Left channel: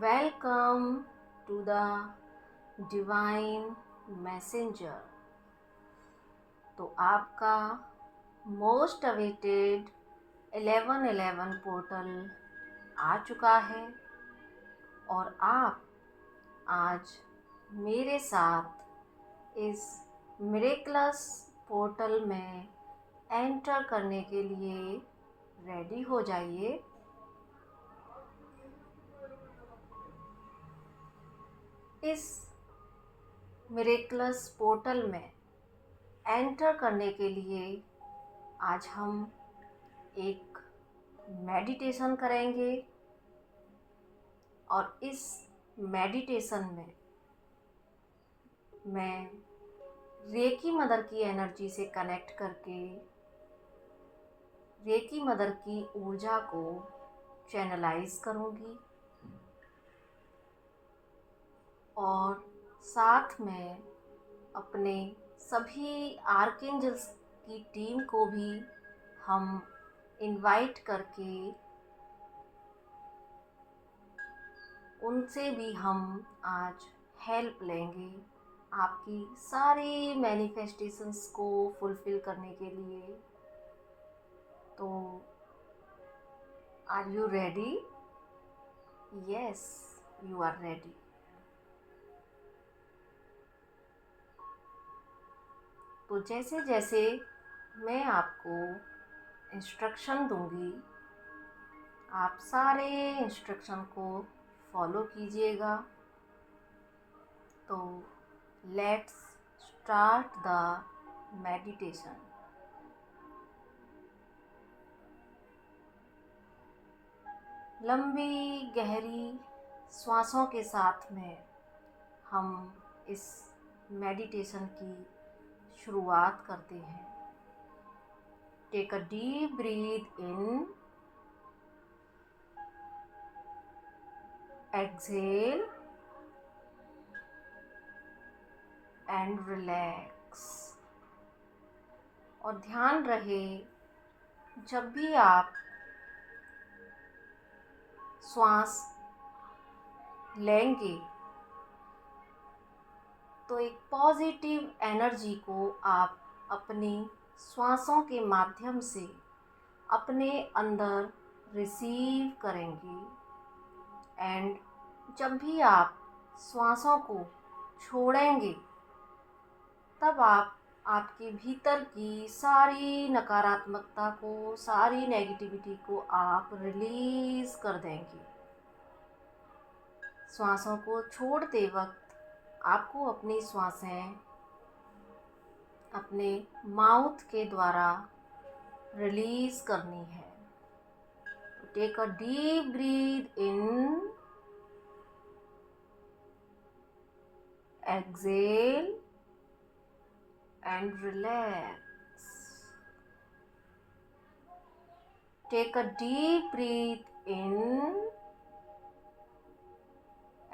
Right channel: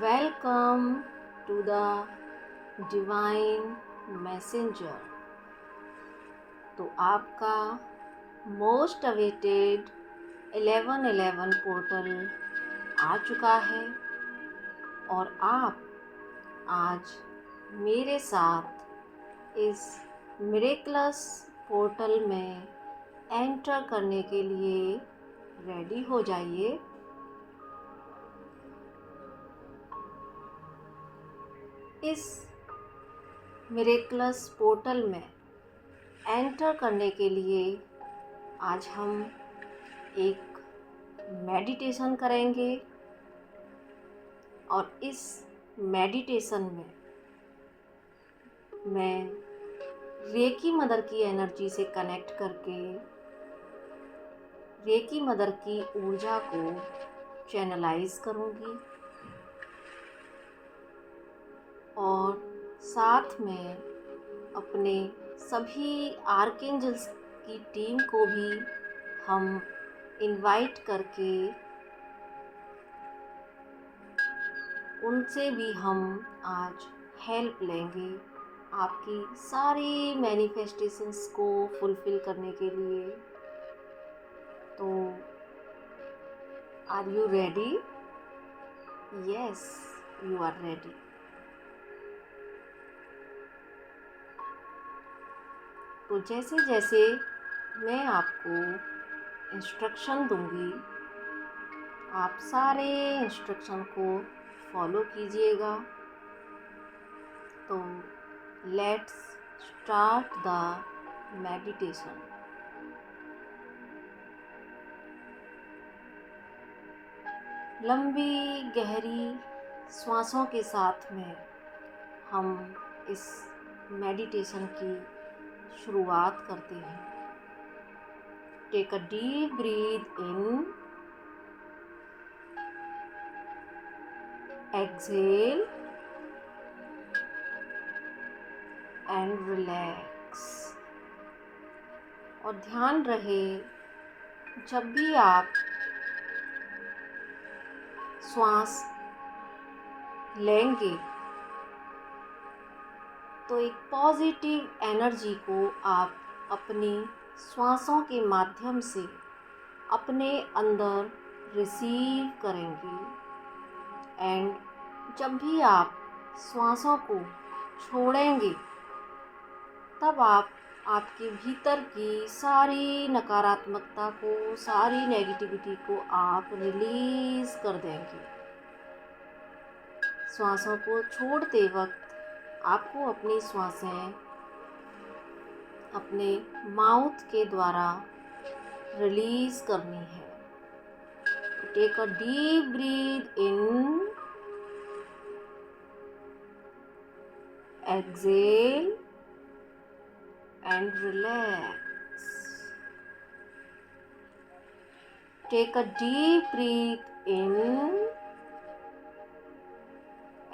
Welcome to the Divine Messenger। तो आपका most awaited 1111 portal आ चुका है और आप आज मेरे साथ इस मिरेकलस पोर्टल में एंटर करने के लिए रेडी हो जाइए। इस मिरेकलस पोर्टल में एंटर करने के लिए आज हम एक मेडिटेशन करेंगे और इस मेडिटेशन में मैं रेकी मदर की एनर्जी से कनेक्ट करके रेकी मदर की ऊर्जा को चैनलाइज करूंगी और साथ में अपने सभी आर्कएंजल्स की टीम को भी हम इनवाइट करके उनसे भी हम आज हेल्प लेंगे आपकी सारी मैनिफेस्टेशंस को फुलफिल करने के लिए। तो are you ready? Yes, you are ready. तो जैसे जैसे मैं आपको इंस्ट्रक्शन दूंगी आप सारे इंस्ट्रक्शन को फॉलो कीजिएगा। तो लेट्स स्टार्ट द मेडिटेशन। लंबी गहरी श्वासों के साथ में हम इस मेडिटेशन की शुरुआत करते हैं। Take a deep breath in, exhale and relax. और ध्यान रहे जब भी आप श्वास लेंगे तो एक पॉजिटिव एनर्जी को आप अपनी श्वासों के माध्यम से अपने अंदर रिसीव करेंगे एंड जब भी आप श्वासों को छोड़ेंगे तब आप आपके भीतर की सारी नकारात्मकता को, सारी नेगेटिविटी को आप रिलीज़ कर देंगे। श्वासों को छोड़ते वक्त आपको अपनी श्वासें अपने माउथ के द्वारा रिलीज़ करनी है। Take a deep breath in, exhale and relax. Take a deep breath in,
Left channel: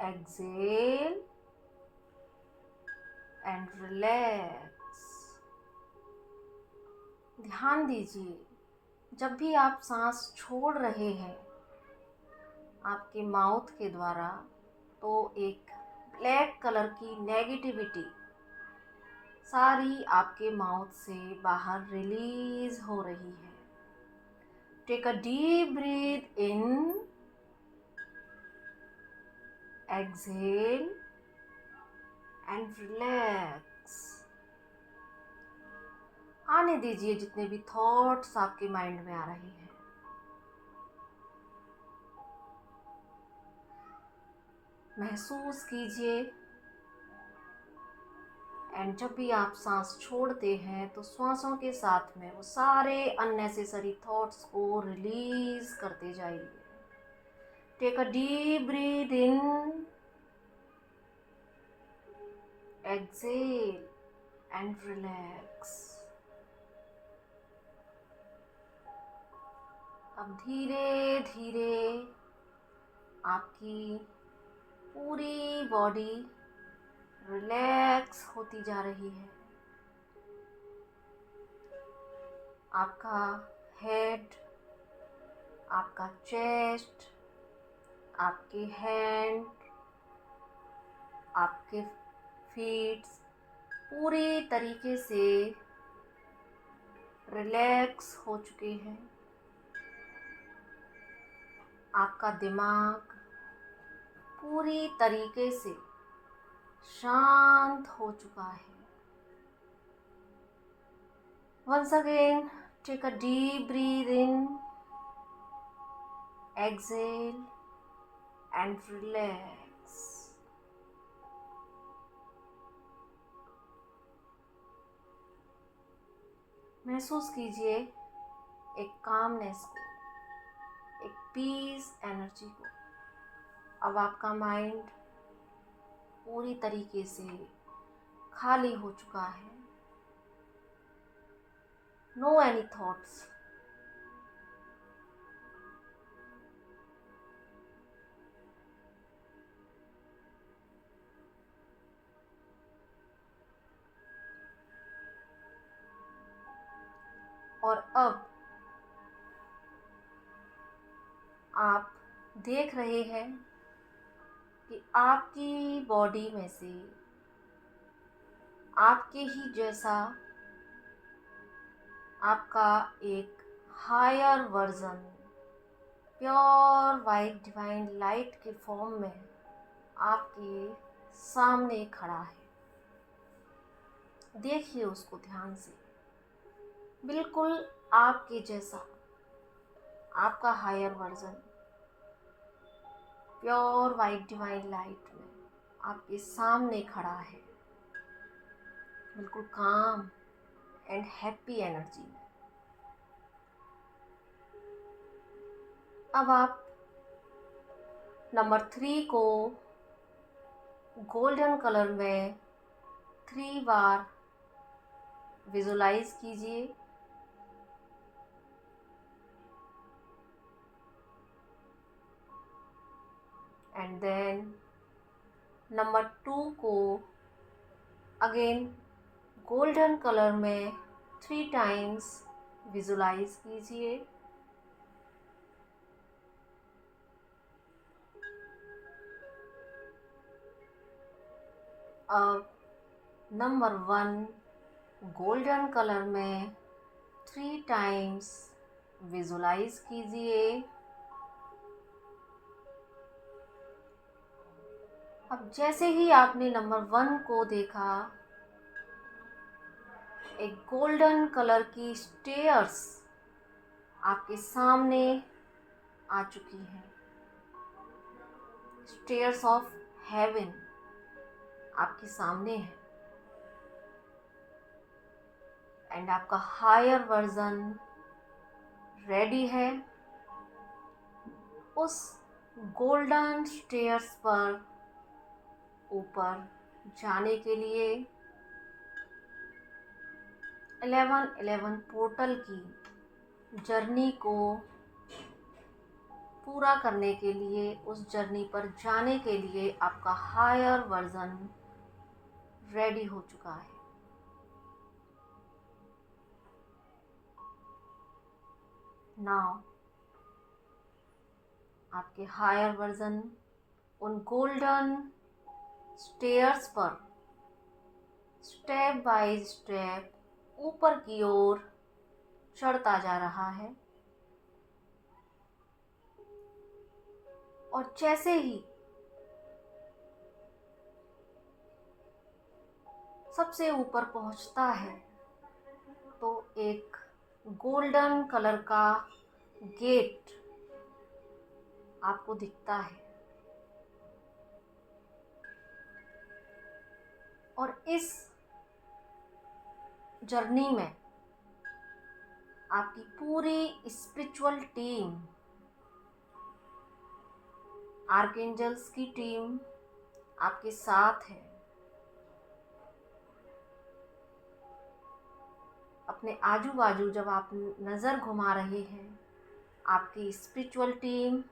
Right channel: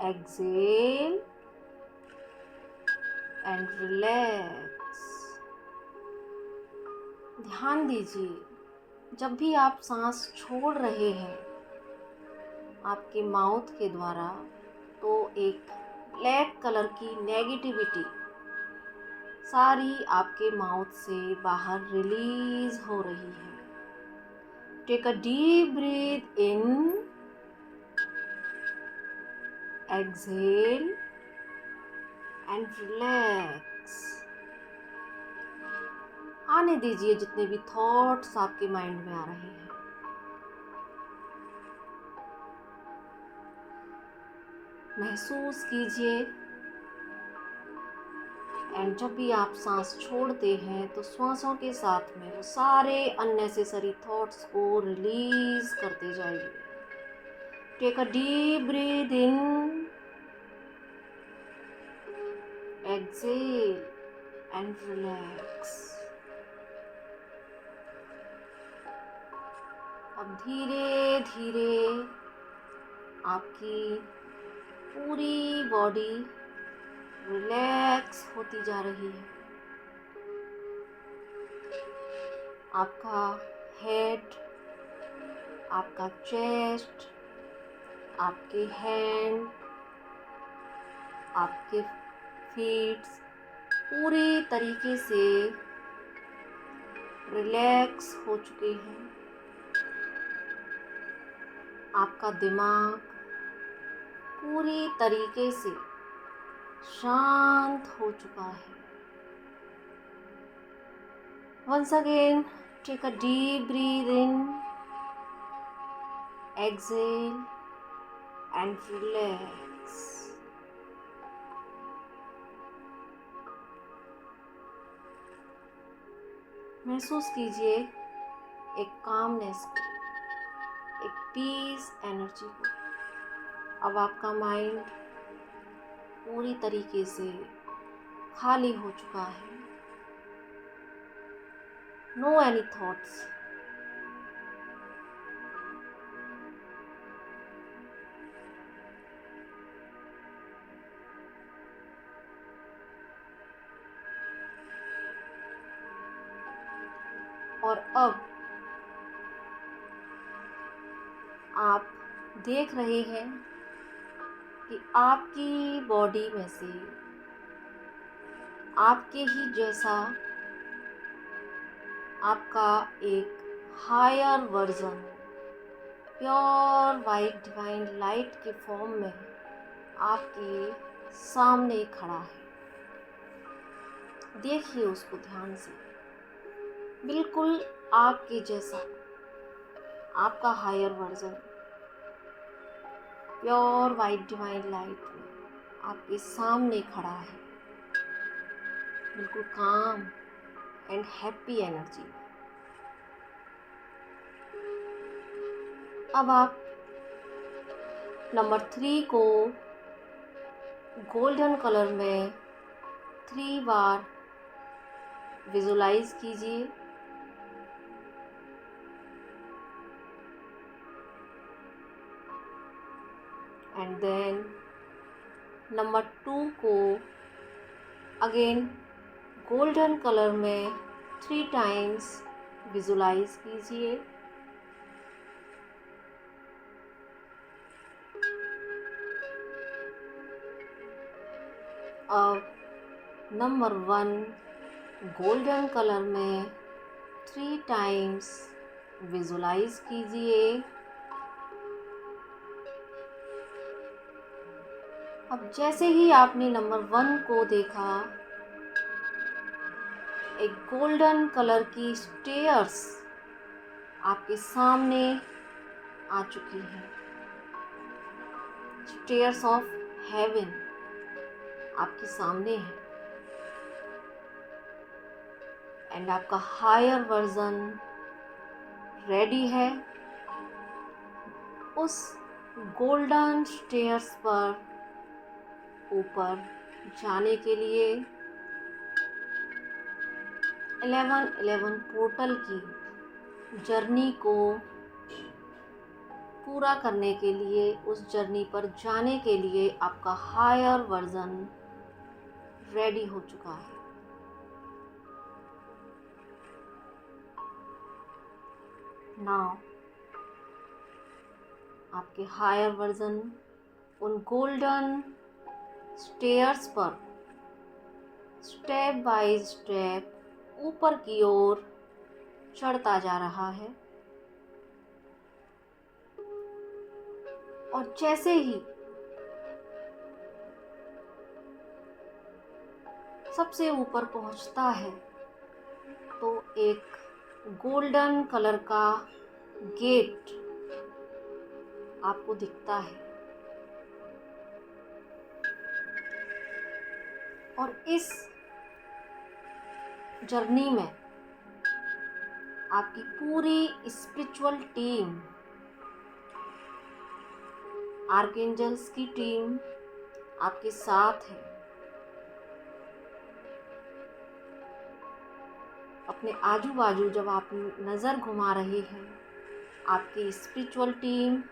exhale and relax. ध्यान दीजिए जब भी आप सांस छोड़ रहे हैं आपके माउथ के द्वारा तो एक ब्लैक कलर की नेगेटिविटी सारी आपके माउथ से बाहर रिलीज हो रही है। Take a deep breath in, exhale and relax. आने दीजिए जितने भी थॉट्स आपके माइंड में आ रहे हैं। महसूस कीजिए एंड जब भी आप सांस छोड़ते हैं तो श्वासों के साथ में वो सारे अननेसेसरी थॉट्स को रिलीज करते जाइए। Take a deep breath in, exhale and relax. अब धीरे धीरे आपकी पूरी बॉडी रिलैक्स होती जा रही है। आपका हेड, आपका चेस्ट, आपके हैंड, आपके फीट पूरी तरीके से रिलैक्स हो चुके हैं। आपका दिमाग पूरी तरीके से शांत हो चुका है। Once again, take a deep breath in, exhale and relax. महसूस कीजिए एक कामनेस को, एक पीस एनर्जी को। अब आपका माइंड पूरी तरीके से खाली हो चुका है। No any thoughts. और अब आप देख रहे हैं कि आपकी बॉडी में से आपके ही जैसा आपका एक higher version pure white divine light के फॉर्म में आपके सामने खड़ा है। देखिए उसको ध्यान से। बिल्कुल आपके जैसा आपका higher version pure white divine light में आपके सामने खड़ा है, बिल्कुल काम एंड हैप्पी एनर्जी। अब आप नंबर 3 को गोल्डन कलर में 3 बार विजुलाइज कीजिए। एंड देन नंबर 2 को अगेन गोल्डन कलर में 3 टाइम्स विजुलाइज कीजिए। अब नंबर 1 गोल्डन कलर में 3 टाइम्स विजुलाइज कीजिए। अब जैसे ही आपने नंबर 1 को देखा, एक गोल्डन कलर की स्टेयर्स आपके सामने आ चुकी हैं। स्टेयर्स ऑफ हेवन आपके सामने है। एंड आपका हायर वर्जन रेडी है उस गोल्डन स्टेयर्स पर ऊपर जाने के लिए। 1111 पोर्टल की जर्नी को पूरा करने के लिए, उस जर्नी पर जाने के लिए आपका हायर वर्जन रेडी हो चुका है। नाउ आपके हायर वर्जन उन गोल्डन स्टेयर्स पर स्टेप बाय स्टेप ऊपर की ओर चढ़ता जा रहा है। और जैसे ही सबसे ऊपर पहुंचता है तो एक गोल्डन कलर का गेट आपको दिखता है। और इस जर्नी में आपकी पूरी स्पिरिचुअल टीम, आर्कएंजल्स की टीम आपके साथ है। अपने आजू बाजू जब आप नज़र घुमा रहे हैं, आपकी स्पिरिचुअल टीम,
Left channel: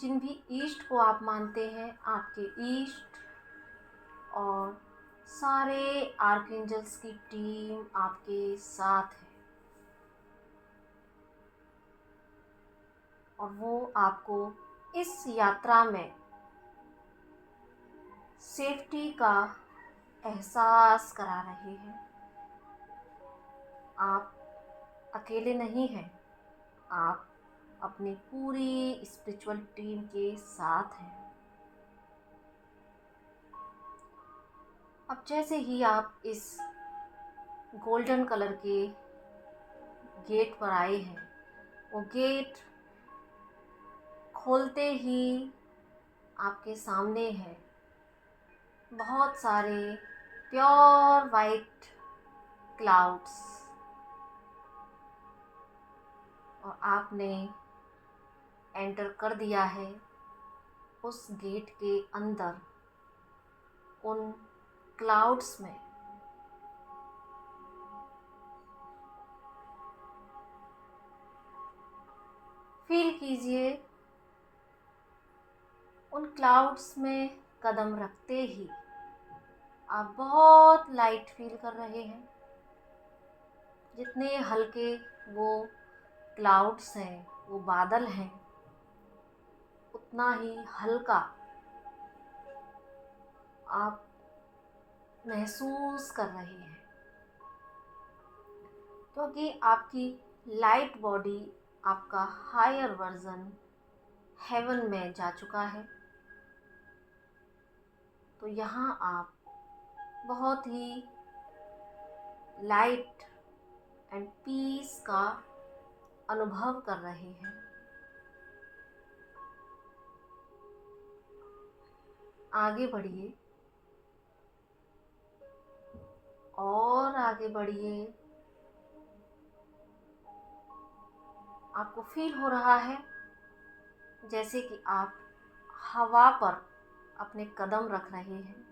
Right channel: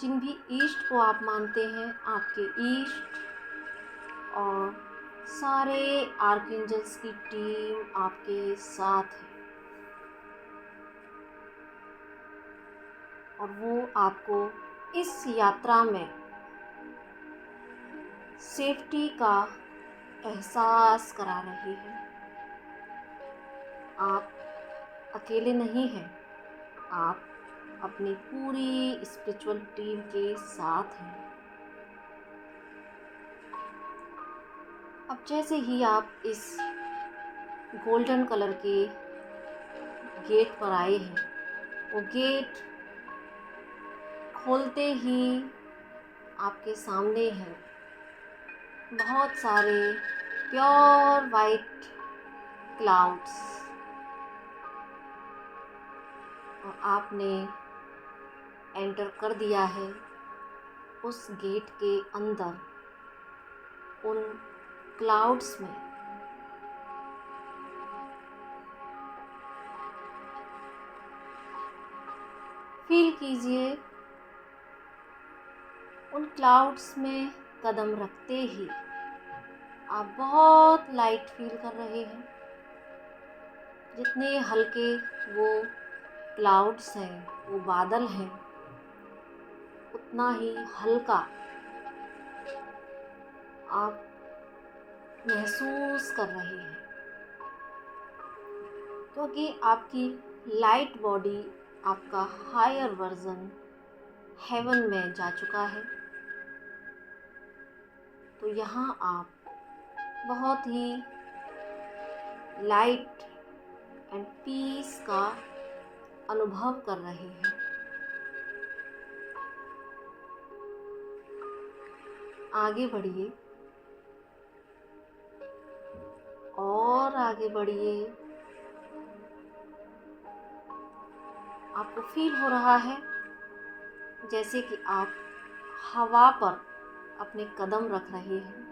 जिन भी ईस्ट को आप मानते हैं, आपके ईस्ट और सारे आर्कएंजल्स की टीम आपके साथ है। और वो आपको इस यात्रा में सेफ्टी का एहसास करा रही है। आप अकेले नहीं हैं, आप अपनी पूरी स्पिरिचुअल टीम के साथ हैं। अब जैसे ही आप इस गोल्डन कलर के गेट पर आए हैं, वो गेट खोलते ही आपके सामने है बहुत सारे प्योर वाइट क्लाउड्स, और आपने एंटर कर दिया है उस गेट के अंदर उन क्लाउड्स में। फील कीजिए उन क्लाउड्स में कदम रखते ही आप बहुत लाइट फील कर रहे हैं। जितने हल्के वो क्लाउड्स हैं, वो बादल हैं, उतना ही हल्का आप महसूस कर रहे हैं, क्योंकि आपकी लाइट बॉडी, आपका हायर वर्जन हेवन में जा चुका है। तो यहाँ आप बहुत ही लाइट एंड पीस का अनुभव कर रहे हैं। आगे बढ़िए और आगे बढ़िए। आपको फील हो रहा है जैसे कि आप हवा पर अपने कदम रख रहे हैं।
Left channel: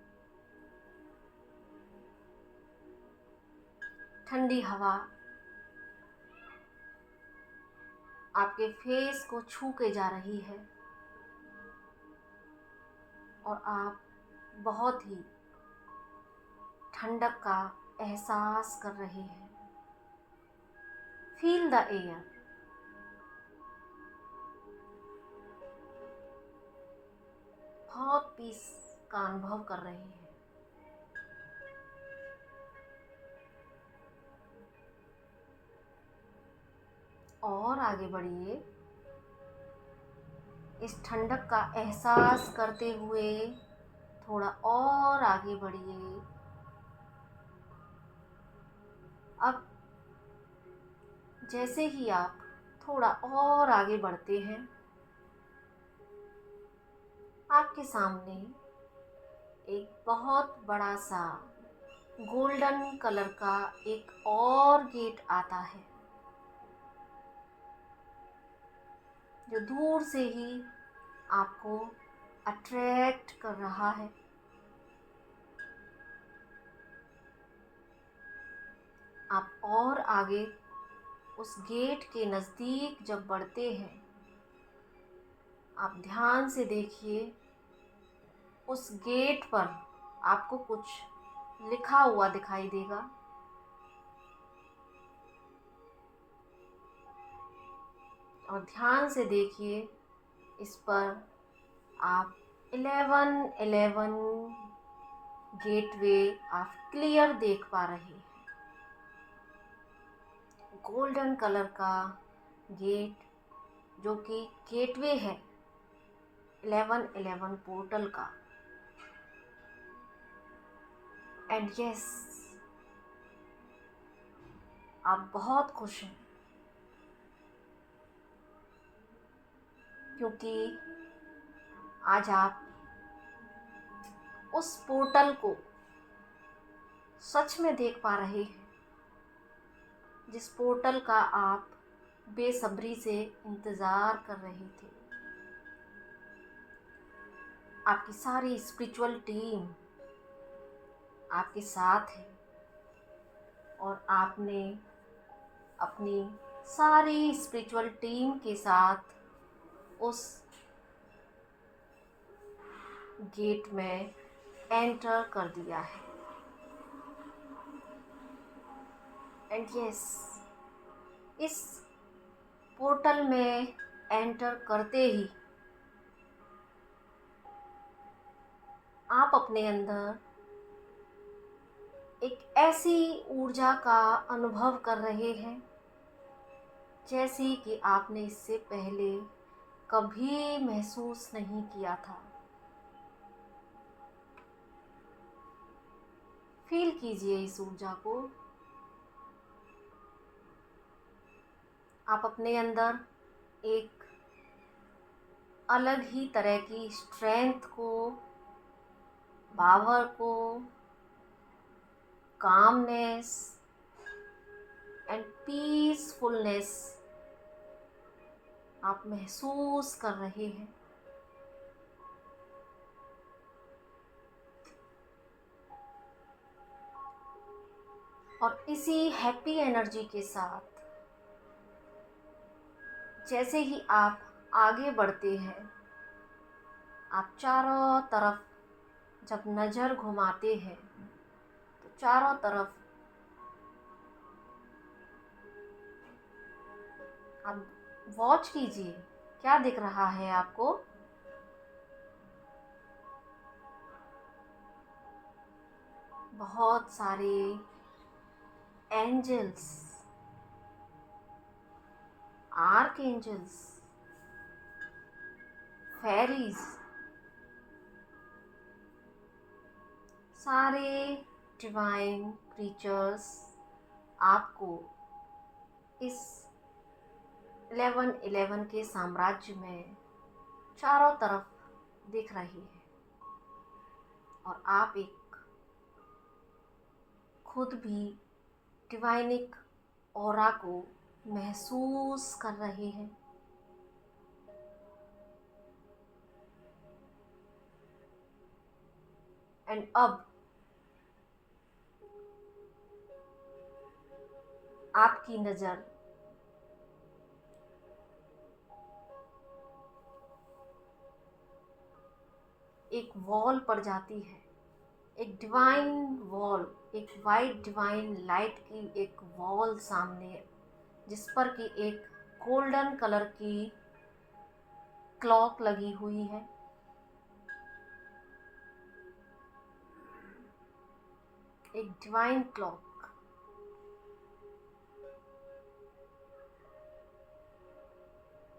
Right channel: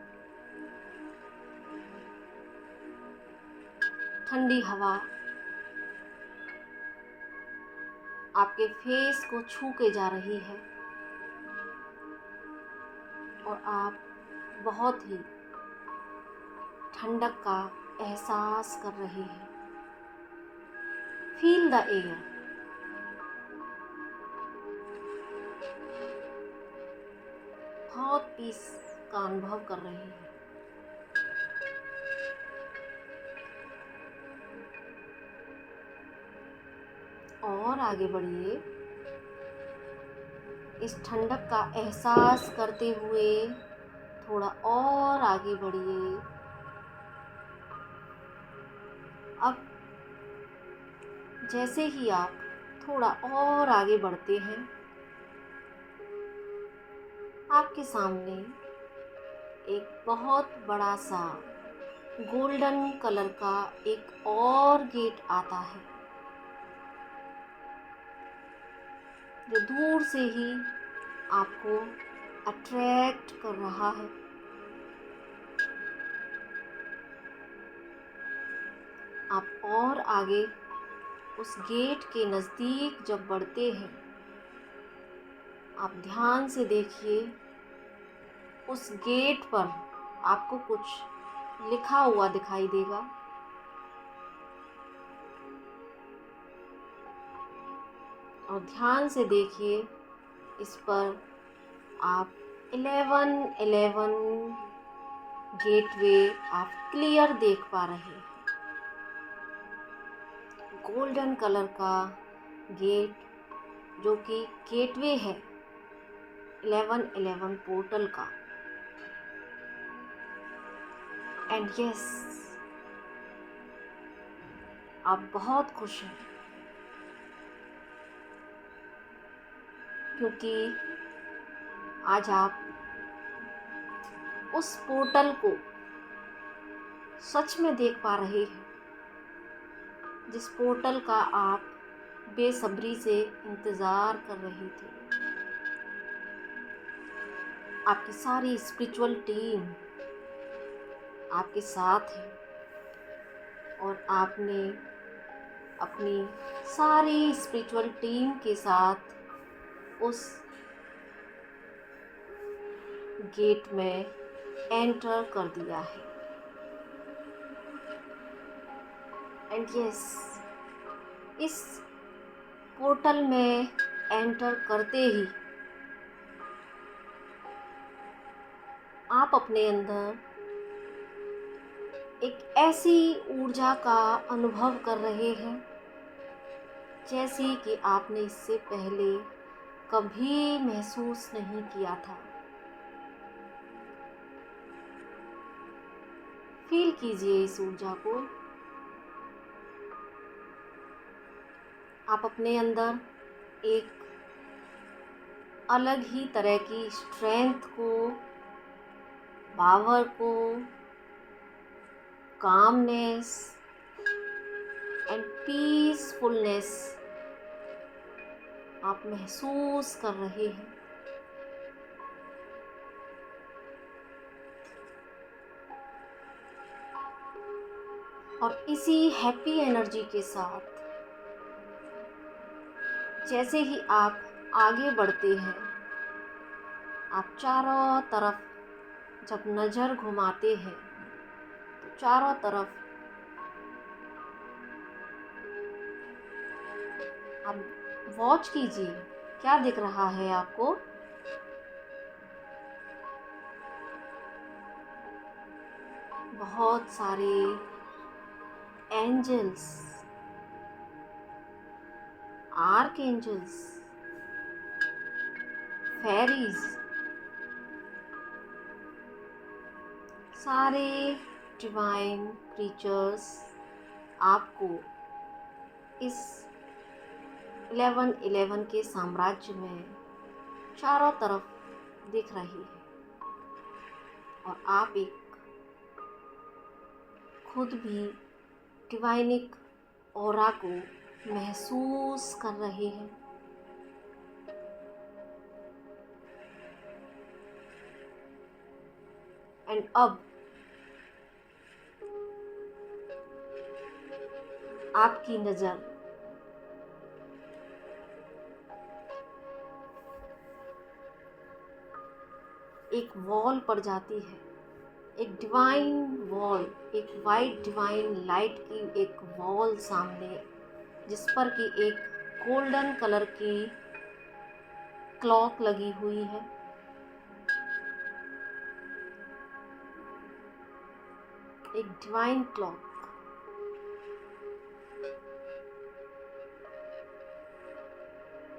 ठंडी हवा आपके फेस को छू के जा रही है और आप बहुत ही ठंडक का एहसास कर रहे हैं। Feel the air. बहुत पीस का अनुभव कर रहे हैं। और आगे बढ़िए। इस ठंडक का एहसास करते हुए थोड़ा और आगे बढ़िए। अब जैसे ही आप थोड़ा और आगे बढ़ते हैं, आपके सामने एक बहुत बड़ा सा गोल्डन कलर का एक और गेट आता है, जो दूर से ही आपको अट्रैक्ट कर रहा है। आप और आगे उस गेट के नज़दीक जब बढ़ते हैं, आप ध्यान से देखिए उस गेट पर आपको कुछ लिखा हुआ दिखाई देगा। और ध्यान से देखिए, इस पर आप 1111 गेटवे आप क्लियर देख पा रहे हैं। गोल्डन कलर का गेट जो कि गेटवे है 1111 पोर्टल का। एंड यस, आप बहुत खुश हैं क्योंकि आज आप उस पोर्टल को सच में देख पा रहे हैं, जिस पोर्टल का आप बेसब्री से इंतज़ार कर रहे थे। आपकी सारी स्पिरिचुअल टीम आपके साथ है और आपने अपनी सारी स्पिरिचुअल टीम के साथ उस गेट में एंटर कर दिया है। एंड यस, इस पोर्टल में एंटर करते ही आप अपने अंदर एक ऐसी ऊर्जा का अनुभव कर रहे हैं जैसी कि आपने इससे पहले कभी महसूस नहीं किया था। फील कीजिए इस ऊर्जा को। आप अपने अंदर एक अलग ही तरह की स्ट्रेंथ को, पावर को, कामनेस एंड पीसफुलनेस आप महसूस कर रहे हैं। और इसी हैप्पी एनर्जी के साथ जैसे ही आप आगे बढ़ते हैं, आप चारों तरफ जब नज़र घुमाते हैं तो चारों तरफ आप वॉच कीजिए क्या दिख रहा है आपको। बहुत सारे एंजल्स, आर्कएंजल्स, फेरीज, सारे डिवाइन क्रीचर्स आपको इस 1111 के साम्राज्य में चारों तरफ दिख रही है। और आप एक खुद भी डिवाइनिक ऑरा को महसूस कर रहे हैं। एंड अब आपकी नज़र एक वॉल पर जाती है, एक डिवाइन वॉल, एक वाइट डिवाइन लाइट की एक वॉल सामने, जिस पर कि एक गोल्डन कलर की क्लॉक लगी हुई है। एक डिवाइन क्लॉक।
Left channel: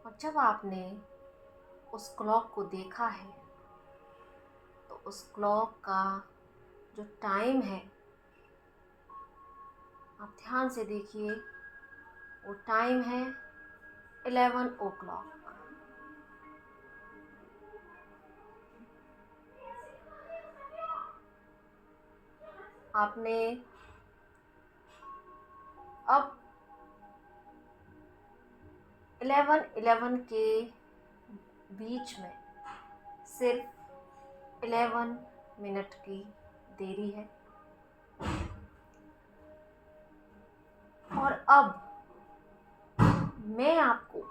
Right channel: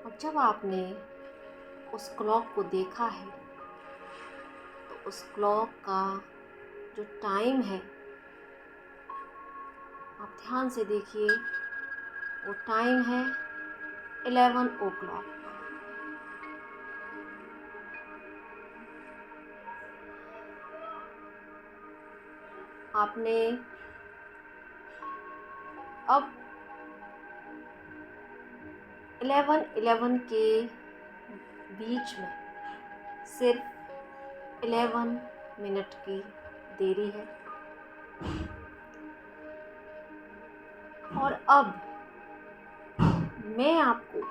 और जब आपने उस क्लॉक को देखा है तो उस क्लॉक का जो टाइम है, आप ध्यान से देखिए, वो टाइम है 11 o'clock। आपने अब 11:11 के बीच में सिर्फ 11 मिनट की देरी है। और अब मैं आपको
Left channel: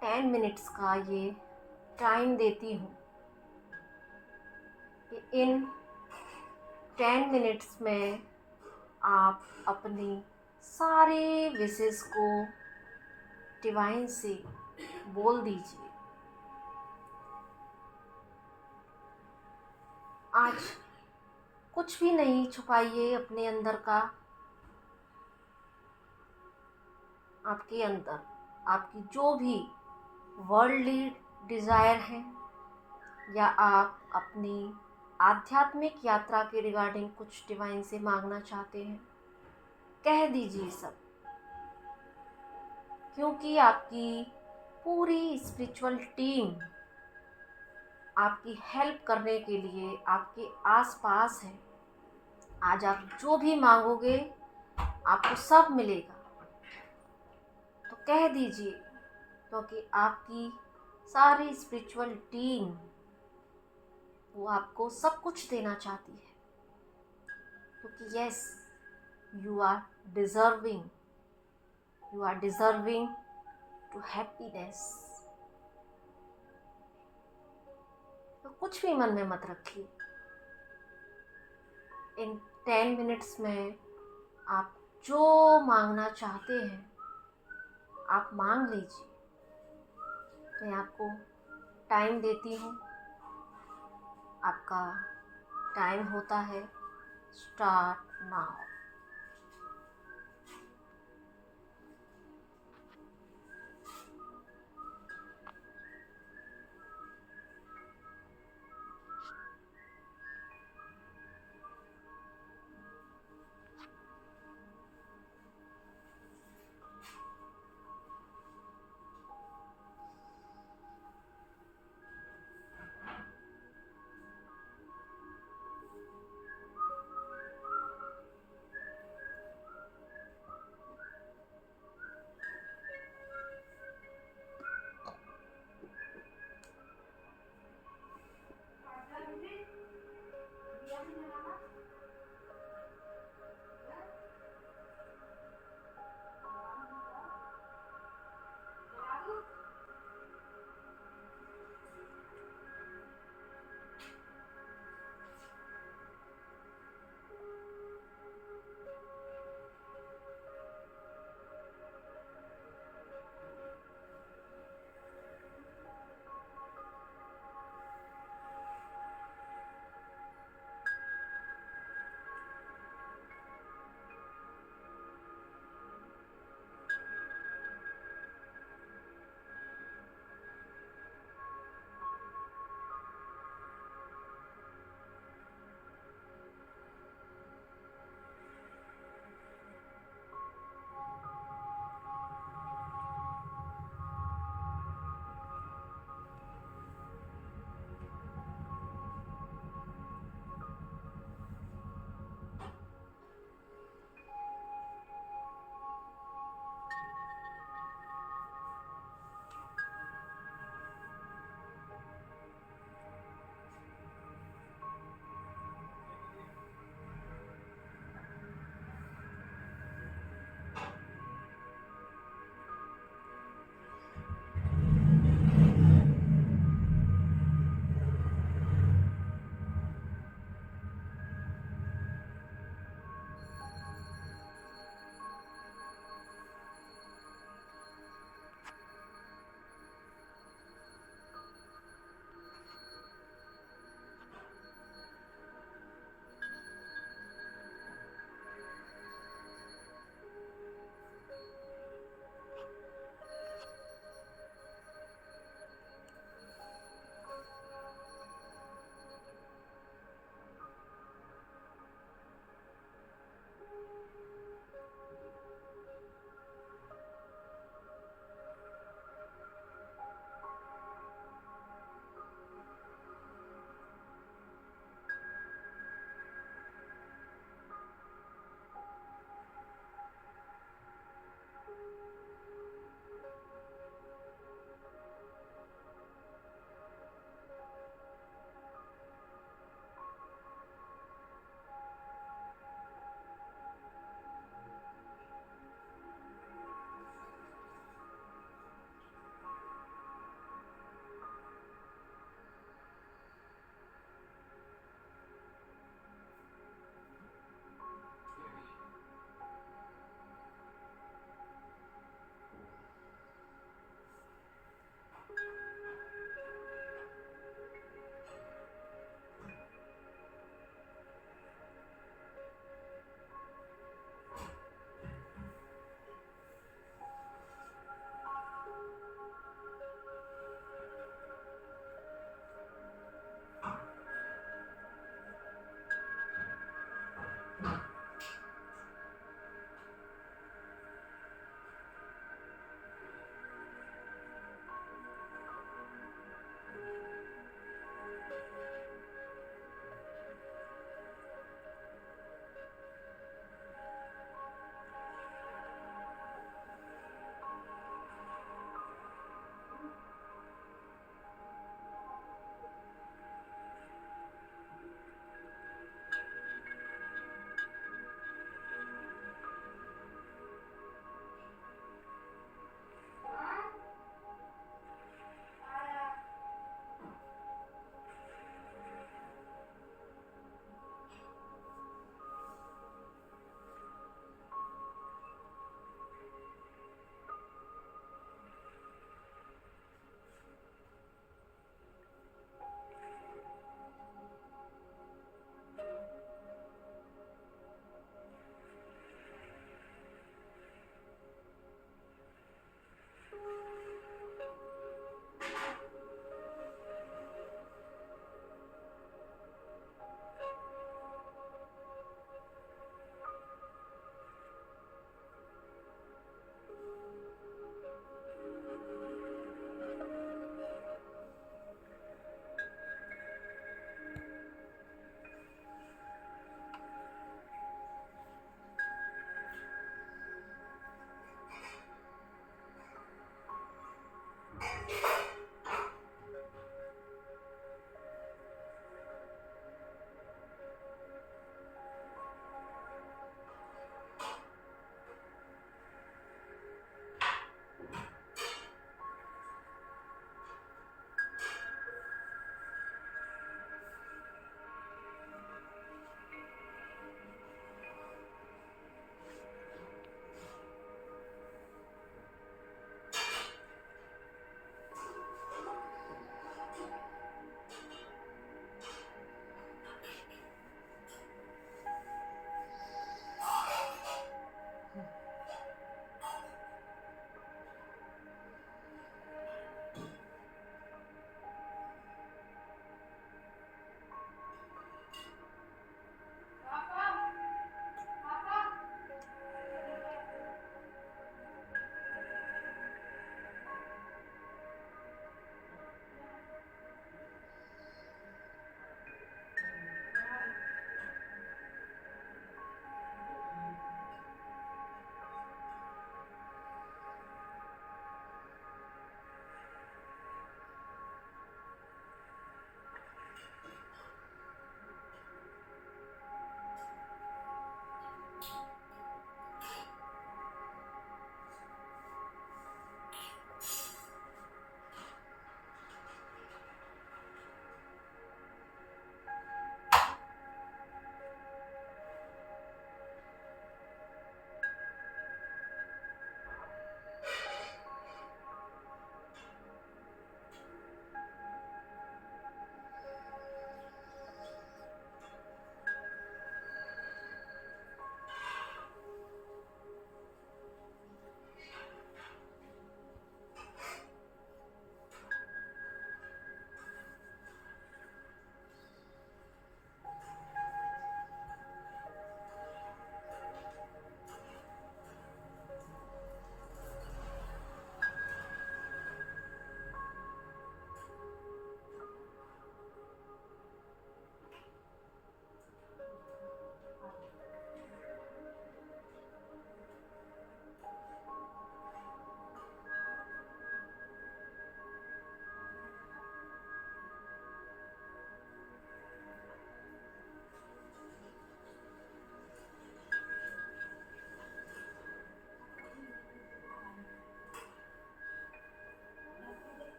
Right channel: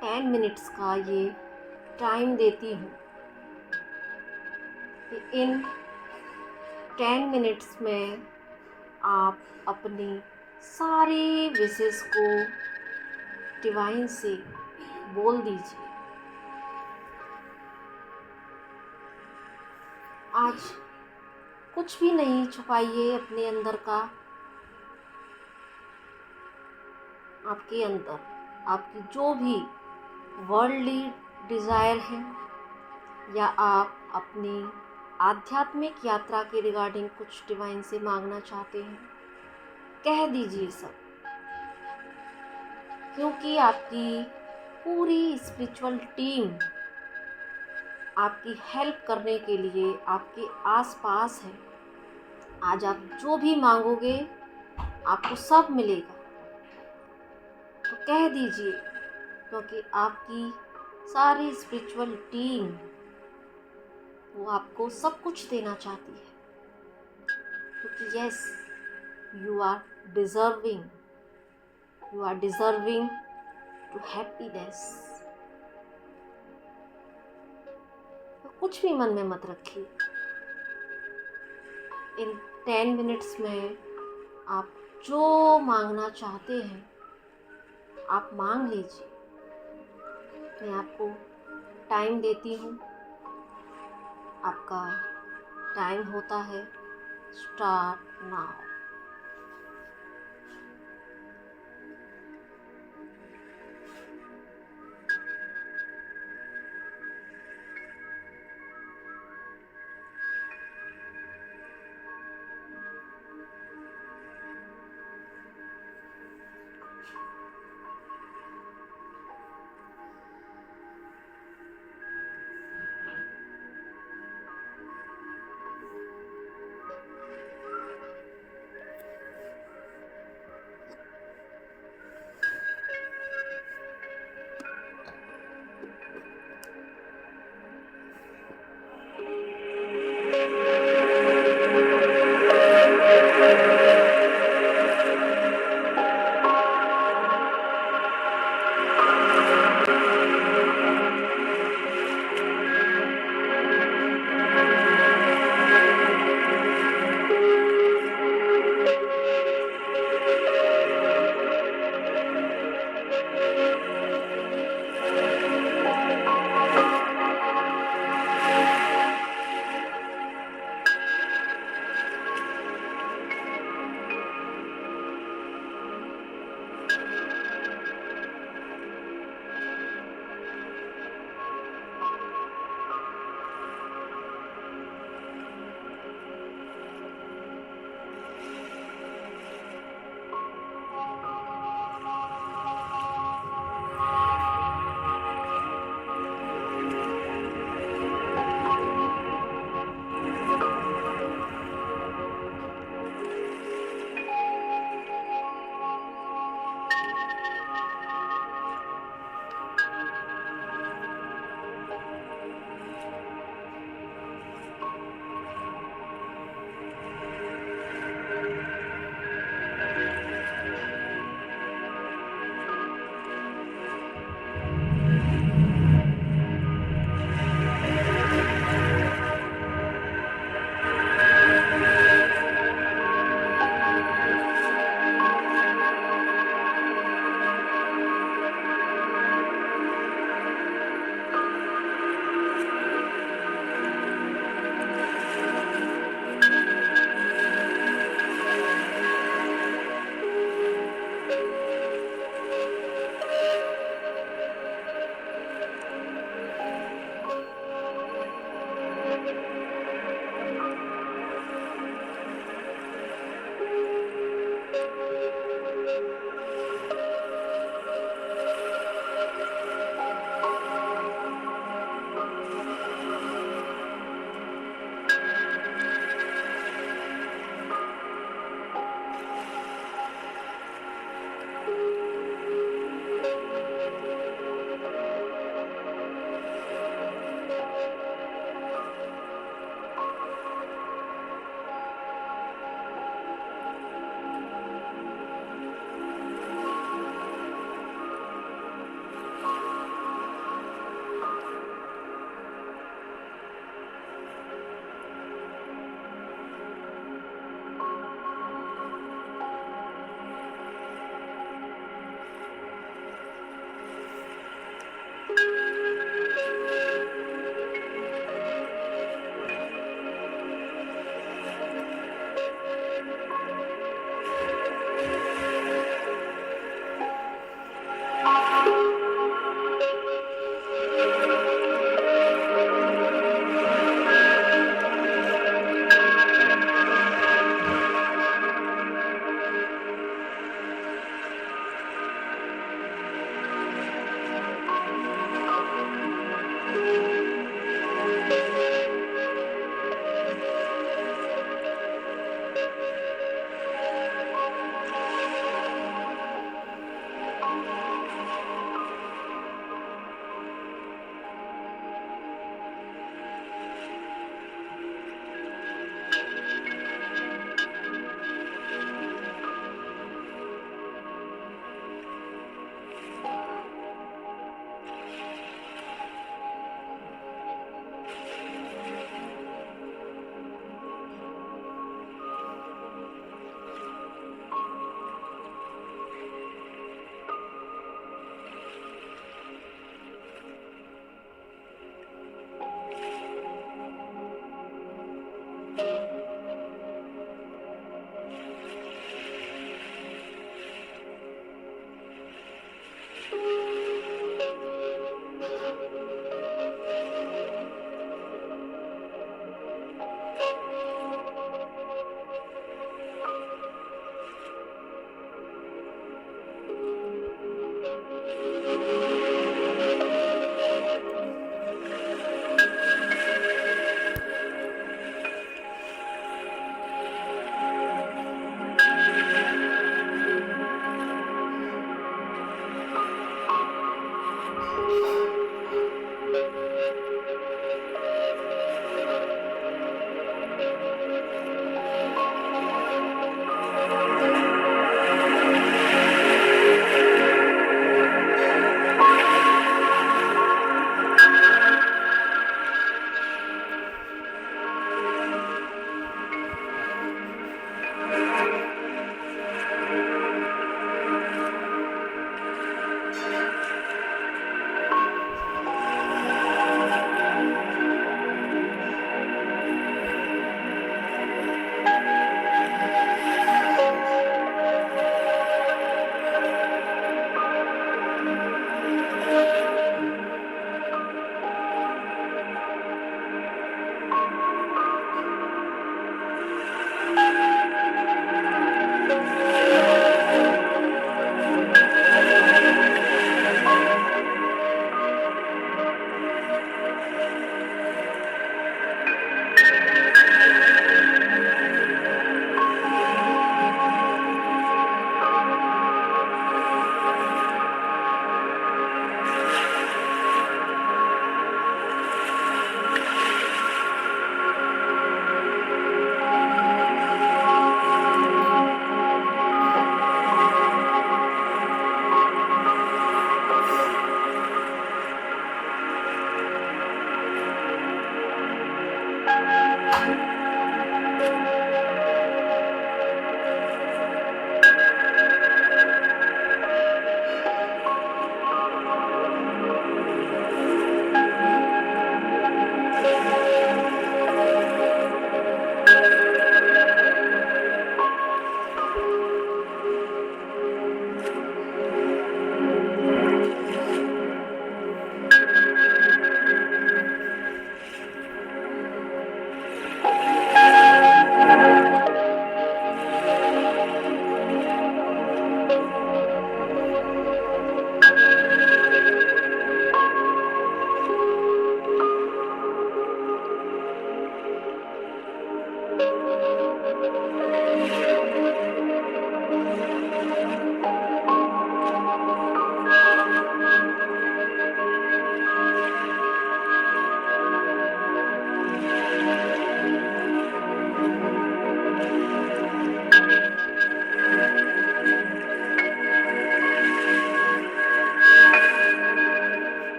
10 मिनट्स का ये टाइम देती हूँ कि इन 10 मिनट्स में आप अपनी सारी विशेस को डिवाइन से बोल दीजिए। आज कुछ भी नहीं छुपाइए अपने अंदर का। आपके अंदर आपकी जो भी वर्ल्डली डिज़ायर है, या आप अपनी आध्यात्मिक यात्रा के रिगार्डिंग कुछ डिवाइन से मांगना चाहते हैं, कह दीजिए सब। क्योंकि आपकी पूरी स्पिरिचुअल टीम आपकी हेल्प करने के लिए आपके आसपास है। आज आप जो भी मांगोगे आपको सब मिलेगा। तो कह दीजिए, क्योंकि आपकी सारी स्पिरिचुअल टीम वो आपको सब कुछ देना चाहती है। क्योंकि yes, you are deserving to happiness. तो कुछ भी मन में मत रखिए। इन 10 मिनट्स में आप जो मांगना चाहते हैं आप मांग लीजिए। मैं आपको टाइम देती हूँ। आपका टाइम होता है स्टार्ट नाउ।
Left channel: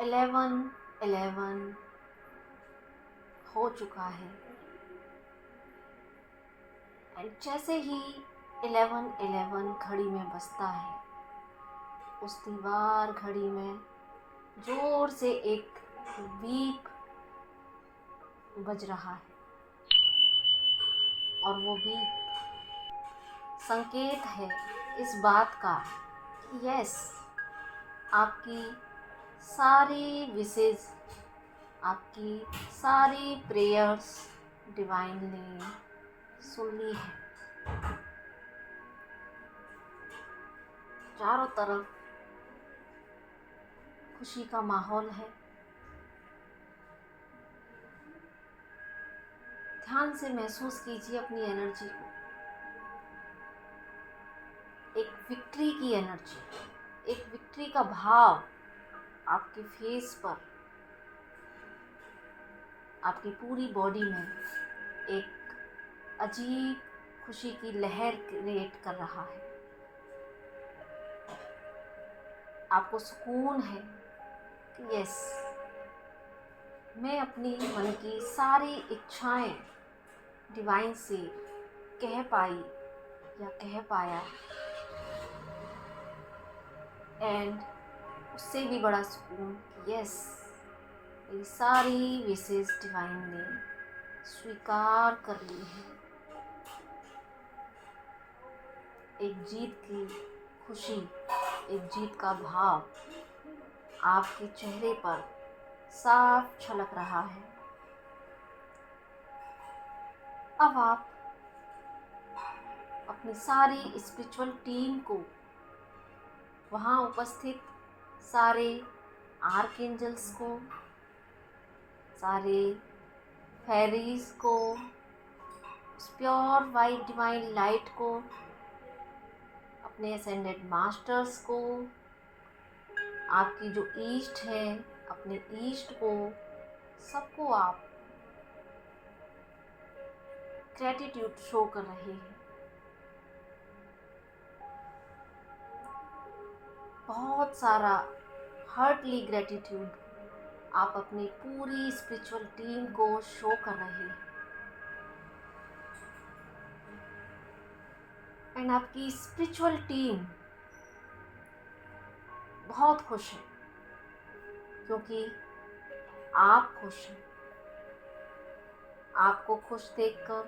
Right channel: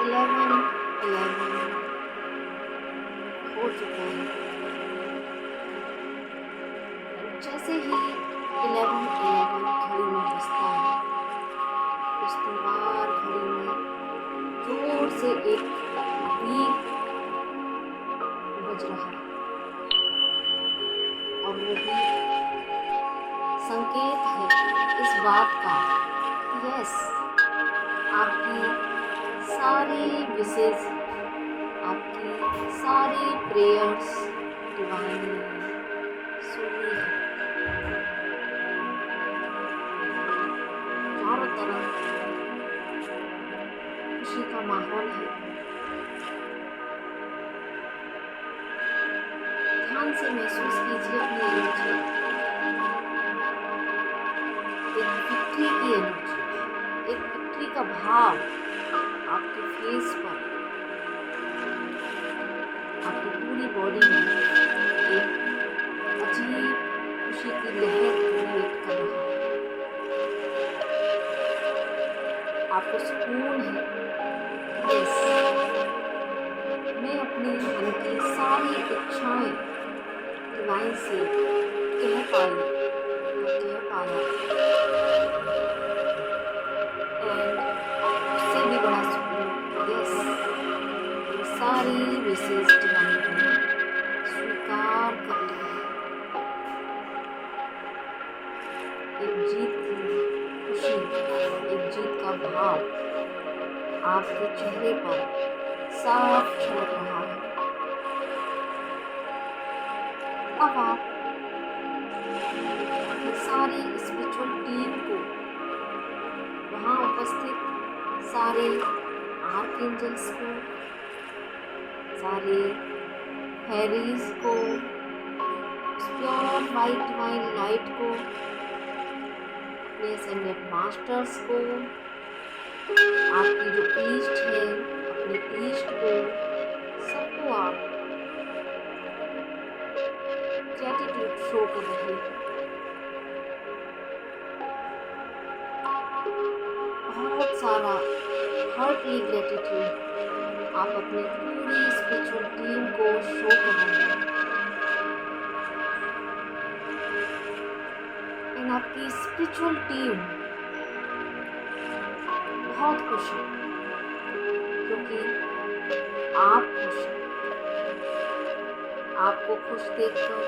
11 11 हो चुका है। जैसे ही 11 घड़ी में बजता है, उस दीवार घड़ी में जोर से एक बीप बज रहा है और वो भी संकेत है इस बात का कि यस, आपकी सारी विशेष, आपकी सारी प्रेयर्स डिवाइन ने सुनी है। चारों तरफ खुशी का माहौल है। ध्यान से महसूस कीजिए अपनी एनर्जी, एक विक्ट्री की एनर्जी, एक विक्ट्री का भाव आपके फेस पर। आपकी पूरी बॉडी में एक अजीब खुशी की लहर क्रिएट कर रहा है। आपको सुकून है। यस, मैं अपनी मन की सारी इच्छाएं डिवाइन से कह पाई या कह पाया, एंड उससे भी बड़ा सुकून। यस, ये सारी विशेष डिवाइन ने स्वीकार कर ली है। एक जीत की खुशी, एक जीत का भाव आपके चेहरे पर साफ झलक रहा है। अब आप अपनी सारी स्पिरिचुअल टीम को, वहाँ उपस्थित सारे आर्कएंजल्स को, सारे फेरीज को, प्योर वाइट डिवाइन लाइट को, अपने असेंडेड मास्टर्स को, आपकी जो ईस्ट है अपने ईस्ट को, सबको आप ग्रेटिट्यूड शो कर रहे हैं। बहुत सारा हार्टली ग्रेटिट्यूड आप अपनी पूरी स्पिरिचुअल टीम को शो कर रहे हैं। एंड आपकी स्पिरिचुअल टीम बहुत खुश है, क्योंकि आप खुश हैं। आपको खुश देखकर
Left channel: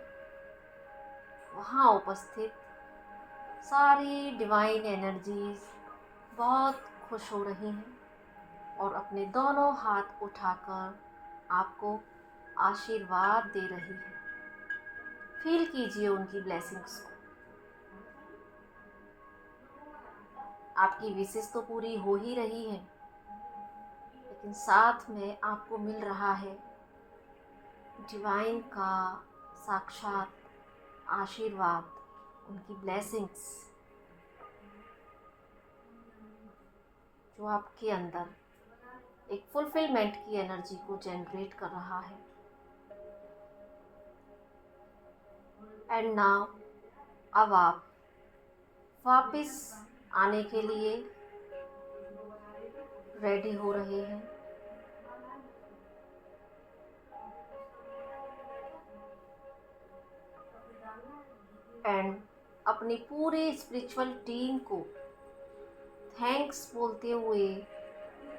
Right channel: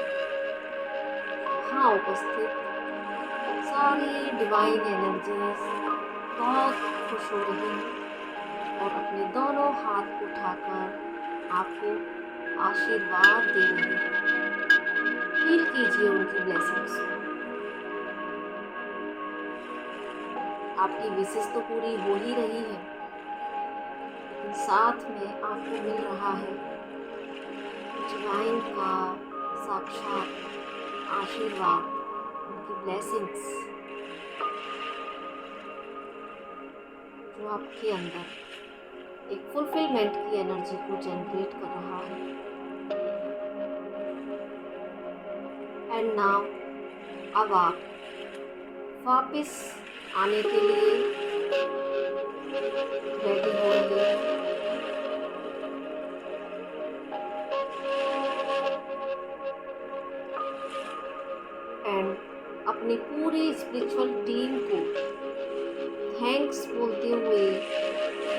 वहाँ उपस्थित सारी डिवाइन एनर्जीज बहुत खुश हो रही हैं और अपने दोनों हाथ उठाकर आपको आशीर्वाद दे रही हैं। फील कीजिए उनकी ब्लेसिंग्स को। आपकी विशेष तो पूरी हो ही रही है, लेकिन साथ में आपको मिल रहा है डिवाइन का साक्षात आशीर्वाद, उनकी ब्लेसिंग्स, जो आपके अंदर एक फुलफिलमेंट की एनर्जी को जनरेट कर रहा है। एंड नाउ, अब आप वापस आने के लिए रेडी हो रहे हैं। एंड अपनी पूरी स्पिरिचुअल टीम को थैंक्स बोलते हुए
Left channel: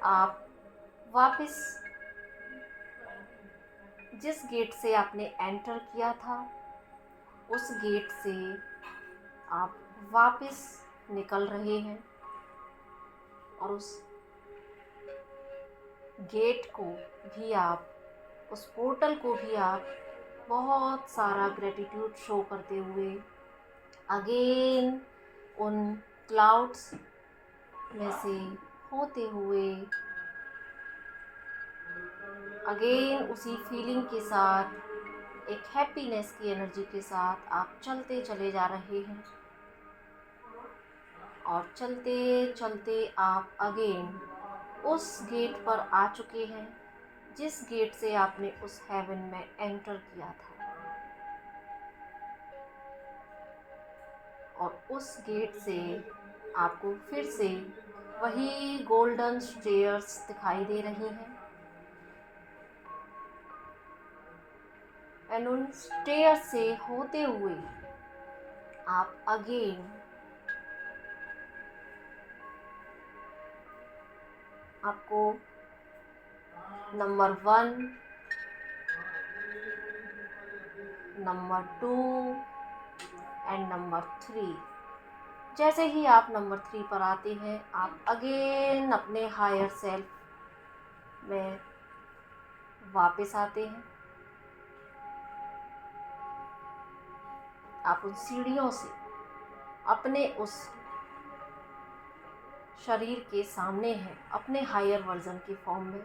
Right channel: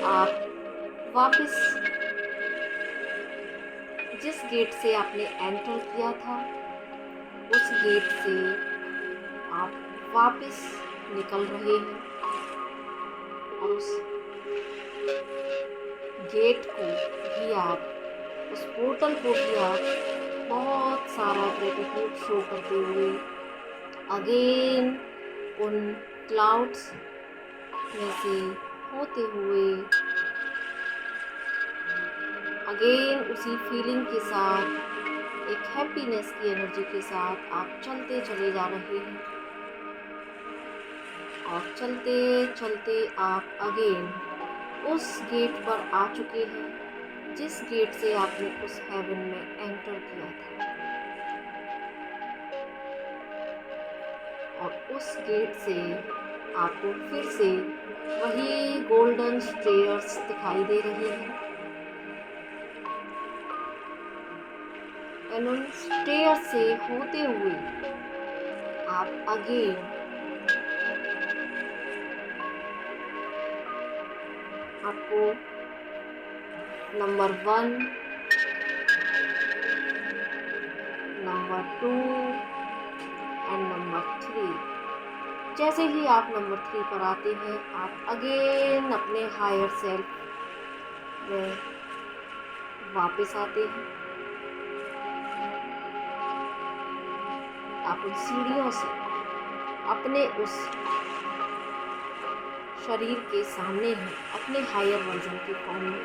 आप वापस जिस गेट से आपने एंटर किया था, उस गेट से आप वापस निकल रहे हैं और उस गेट को भी आप, उस पोर्टल को भी आप बहुत सारा ग्रेटिट्यूड शो करते हुए अगेन उन क्लाउड्स में से होते हुए अगेन उसी फीलिंग के साथ, एक हैप्पीनेस की एनर्जी के साथ आप चलते चले जा रहे हैं। और चलते चलते आप अगेन उस गेट पर आ चुके हैं जिस गेट से आपने उस हेवन में एंटर किया था। और उस गेट से आपको फिर से वही गोल्डन स्टेयर्स दिखाई दे रहे हैं। एंड उन स्टेयर से होते हुए आप अगेन आपको नंबर 1, नंबर 2 एंड नंबर 3, जैसे ही आप नंबर 3 पर आते हैं, आप अगेन अपने हायर सेल्फ में वापस आते हैं। आप उन सीढ़ियों से अपने उस शरीर के सामने हैं, अपने हायर वर्जन की फॉर्म में,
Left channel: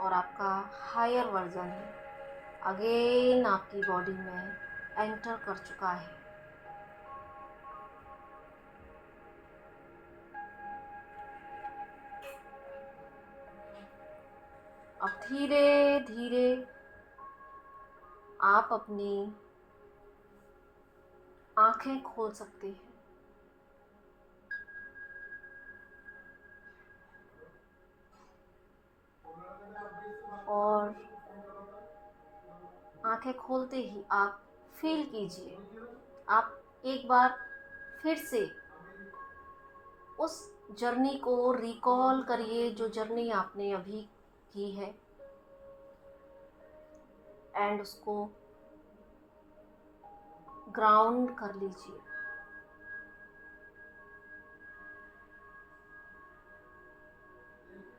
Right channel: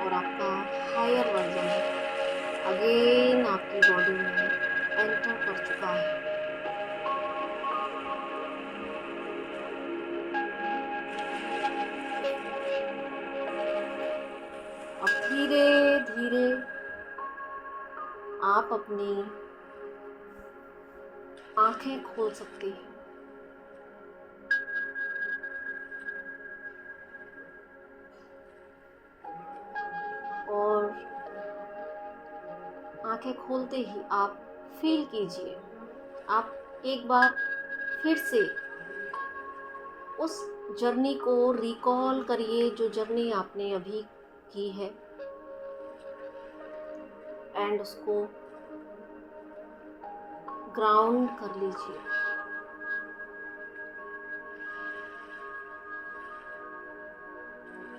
और आपका हायर वर्जन अगेन आपकी बॉडी में एंटर कर चुका है। अब धीरे धीरे आप अपनी आंखें खोल सकते हैं और आंखें खोलते ही आप फील कीजिए, आप एक बार फिर से उस जर्नी को रिकॉल करिए जो जर्नी आपने अभी की है, एंड उसको ग्राउंड कर लीजिए।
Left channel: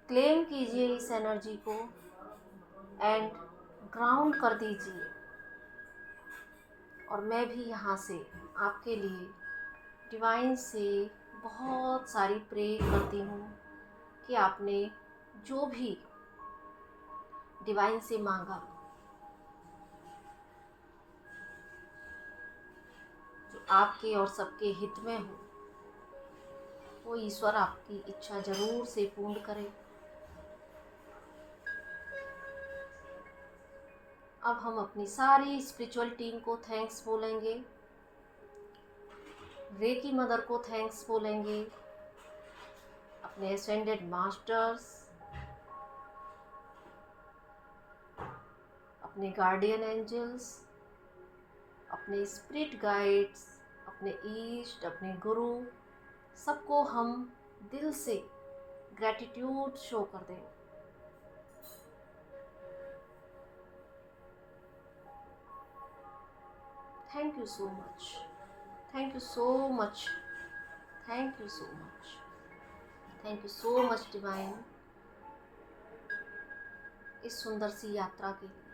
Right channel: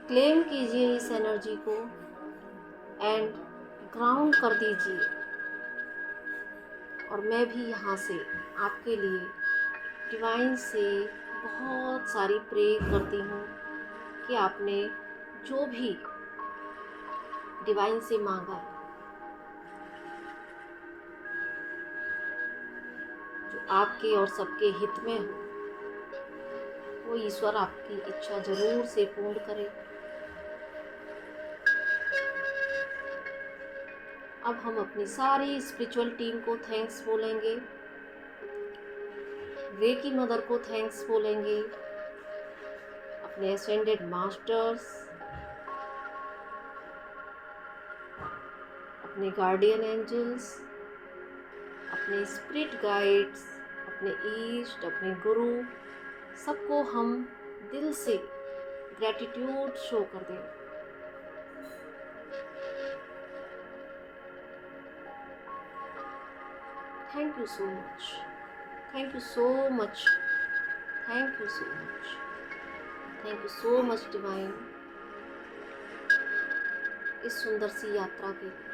क्लेम कीजिए इस एनर्जी को एंड ग्राउंड कर दीजिए। और मैं भी यहाँ से आपके लिए डिवाइन से बहुत सारी प्रे करती हूँ कि आपने जो भी डिवाइन से मांगा, जो आपके और सबके हित में हो, वो ईश्वर आपकी इच्छा जरूर से पूर्ण करे। अब हम अपनी सारी स्पिरिचुअल टीम को थैंक्स बोलेंगे, रेकी मदर को थैंक्स बोलेंगे, अपने असेंडेड मास्टर्स, अपने गार्डियन एंजल्स, अपने स्पिरिट गाइड्स, अपने ईष्ट, अपने गुरु, सबको हम दिल से ग्रैटिट्यूड शो कर दें। Thank you so much, thank you so much, thank you so much, thank you so much divine, इस सुंदर सी यात्रा के लिए।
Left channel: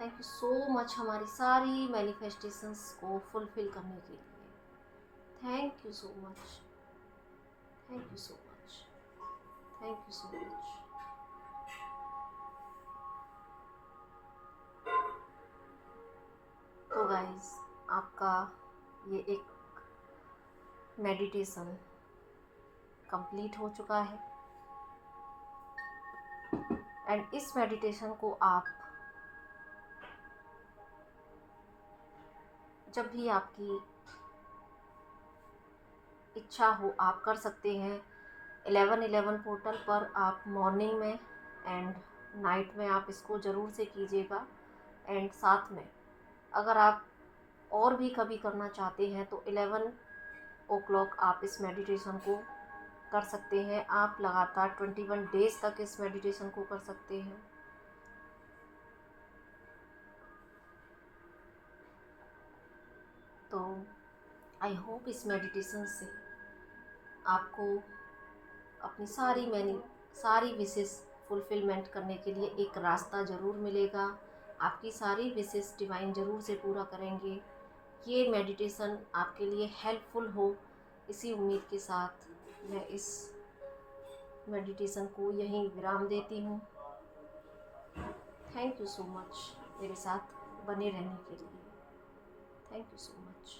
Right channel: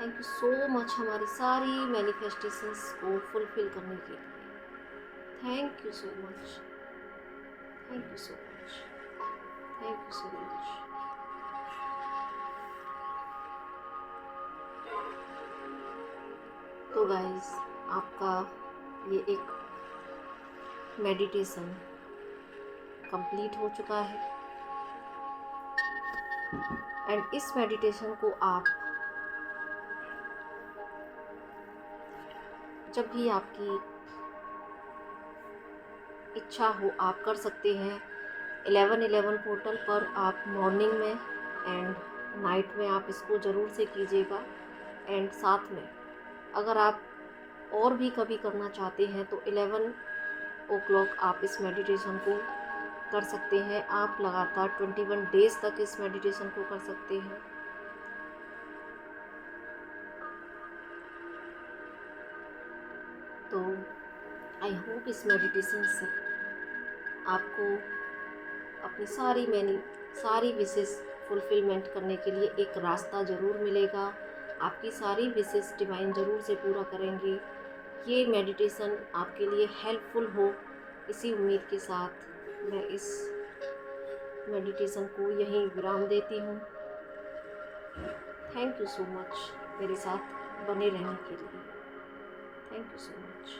थैंक यू सो मच हमारी सारी मैनिफेस्टेशंस को फुलफिल करने के लिए। Thank you so much, thank you so much, thank you so much. तो गाइस, आपका ये एक मेडिटेशन कंप्लीट हो चुका है एंड इस मेडिटेशन को आप जब भी आपकी इच्छा हो आप कर सकते हैं। 11/11 पोर्टल पर आप मॉर्निंग में एंड नाइट में आप इसको ज़रूर से कीजिएगा। एंड साथ में अगर आप और भी कभी करना चाहते हैं तो 11 o'clock आप इस मेडिटेशन को कर सकते हैं। आप लगातार 21 डेज तक इस मेडिटेशन को कर सकते हैं। तो आई होप इस मेडिटेशन से आपको अपनी सारी विशेष फुलफिलमेंट करने के लिए एक रास्ता ज़रूर मिलेगा। आपकी सारी विशेष डिवाइन ज़रूर से पूरा करेंगे। ये मेडिटेशन आपके लिए हेल्पफुल हो, इसी उम्मीद के साथ मैं इस मेडिटेशन को यहीं विराम देती हूँ। थैंक यू सो मच मेरे साथ बने रहने के लिए। Thank you so much.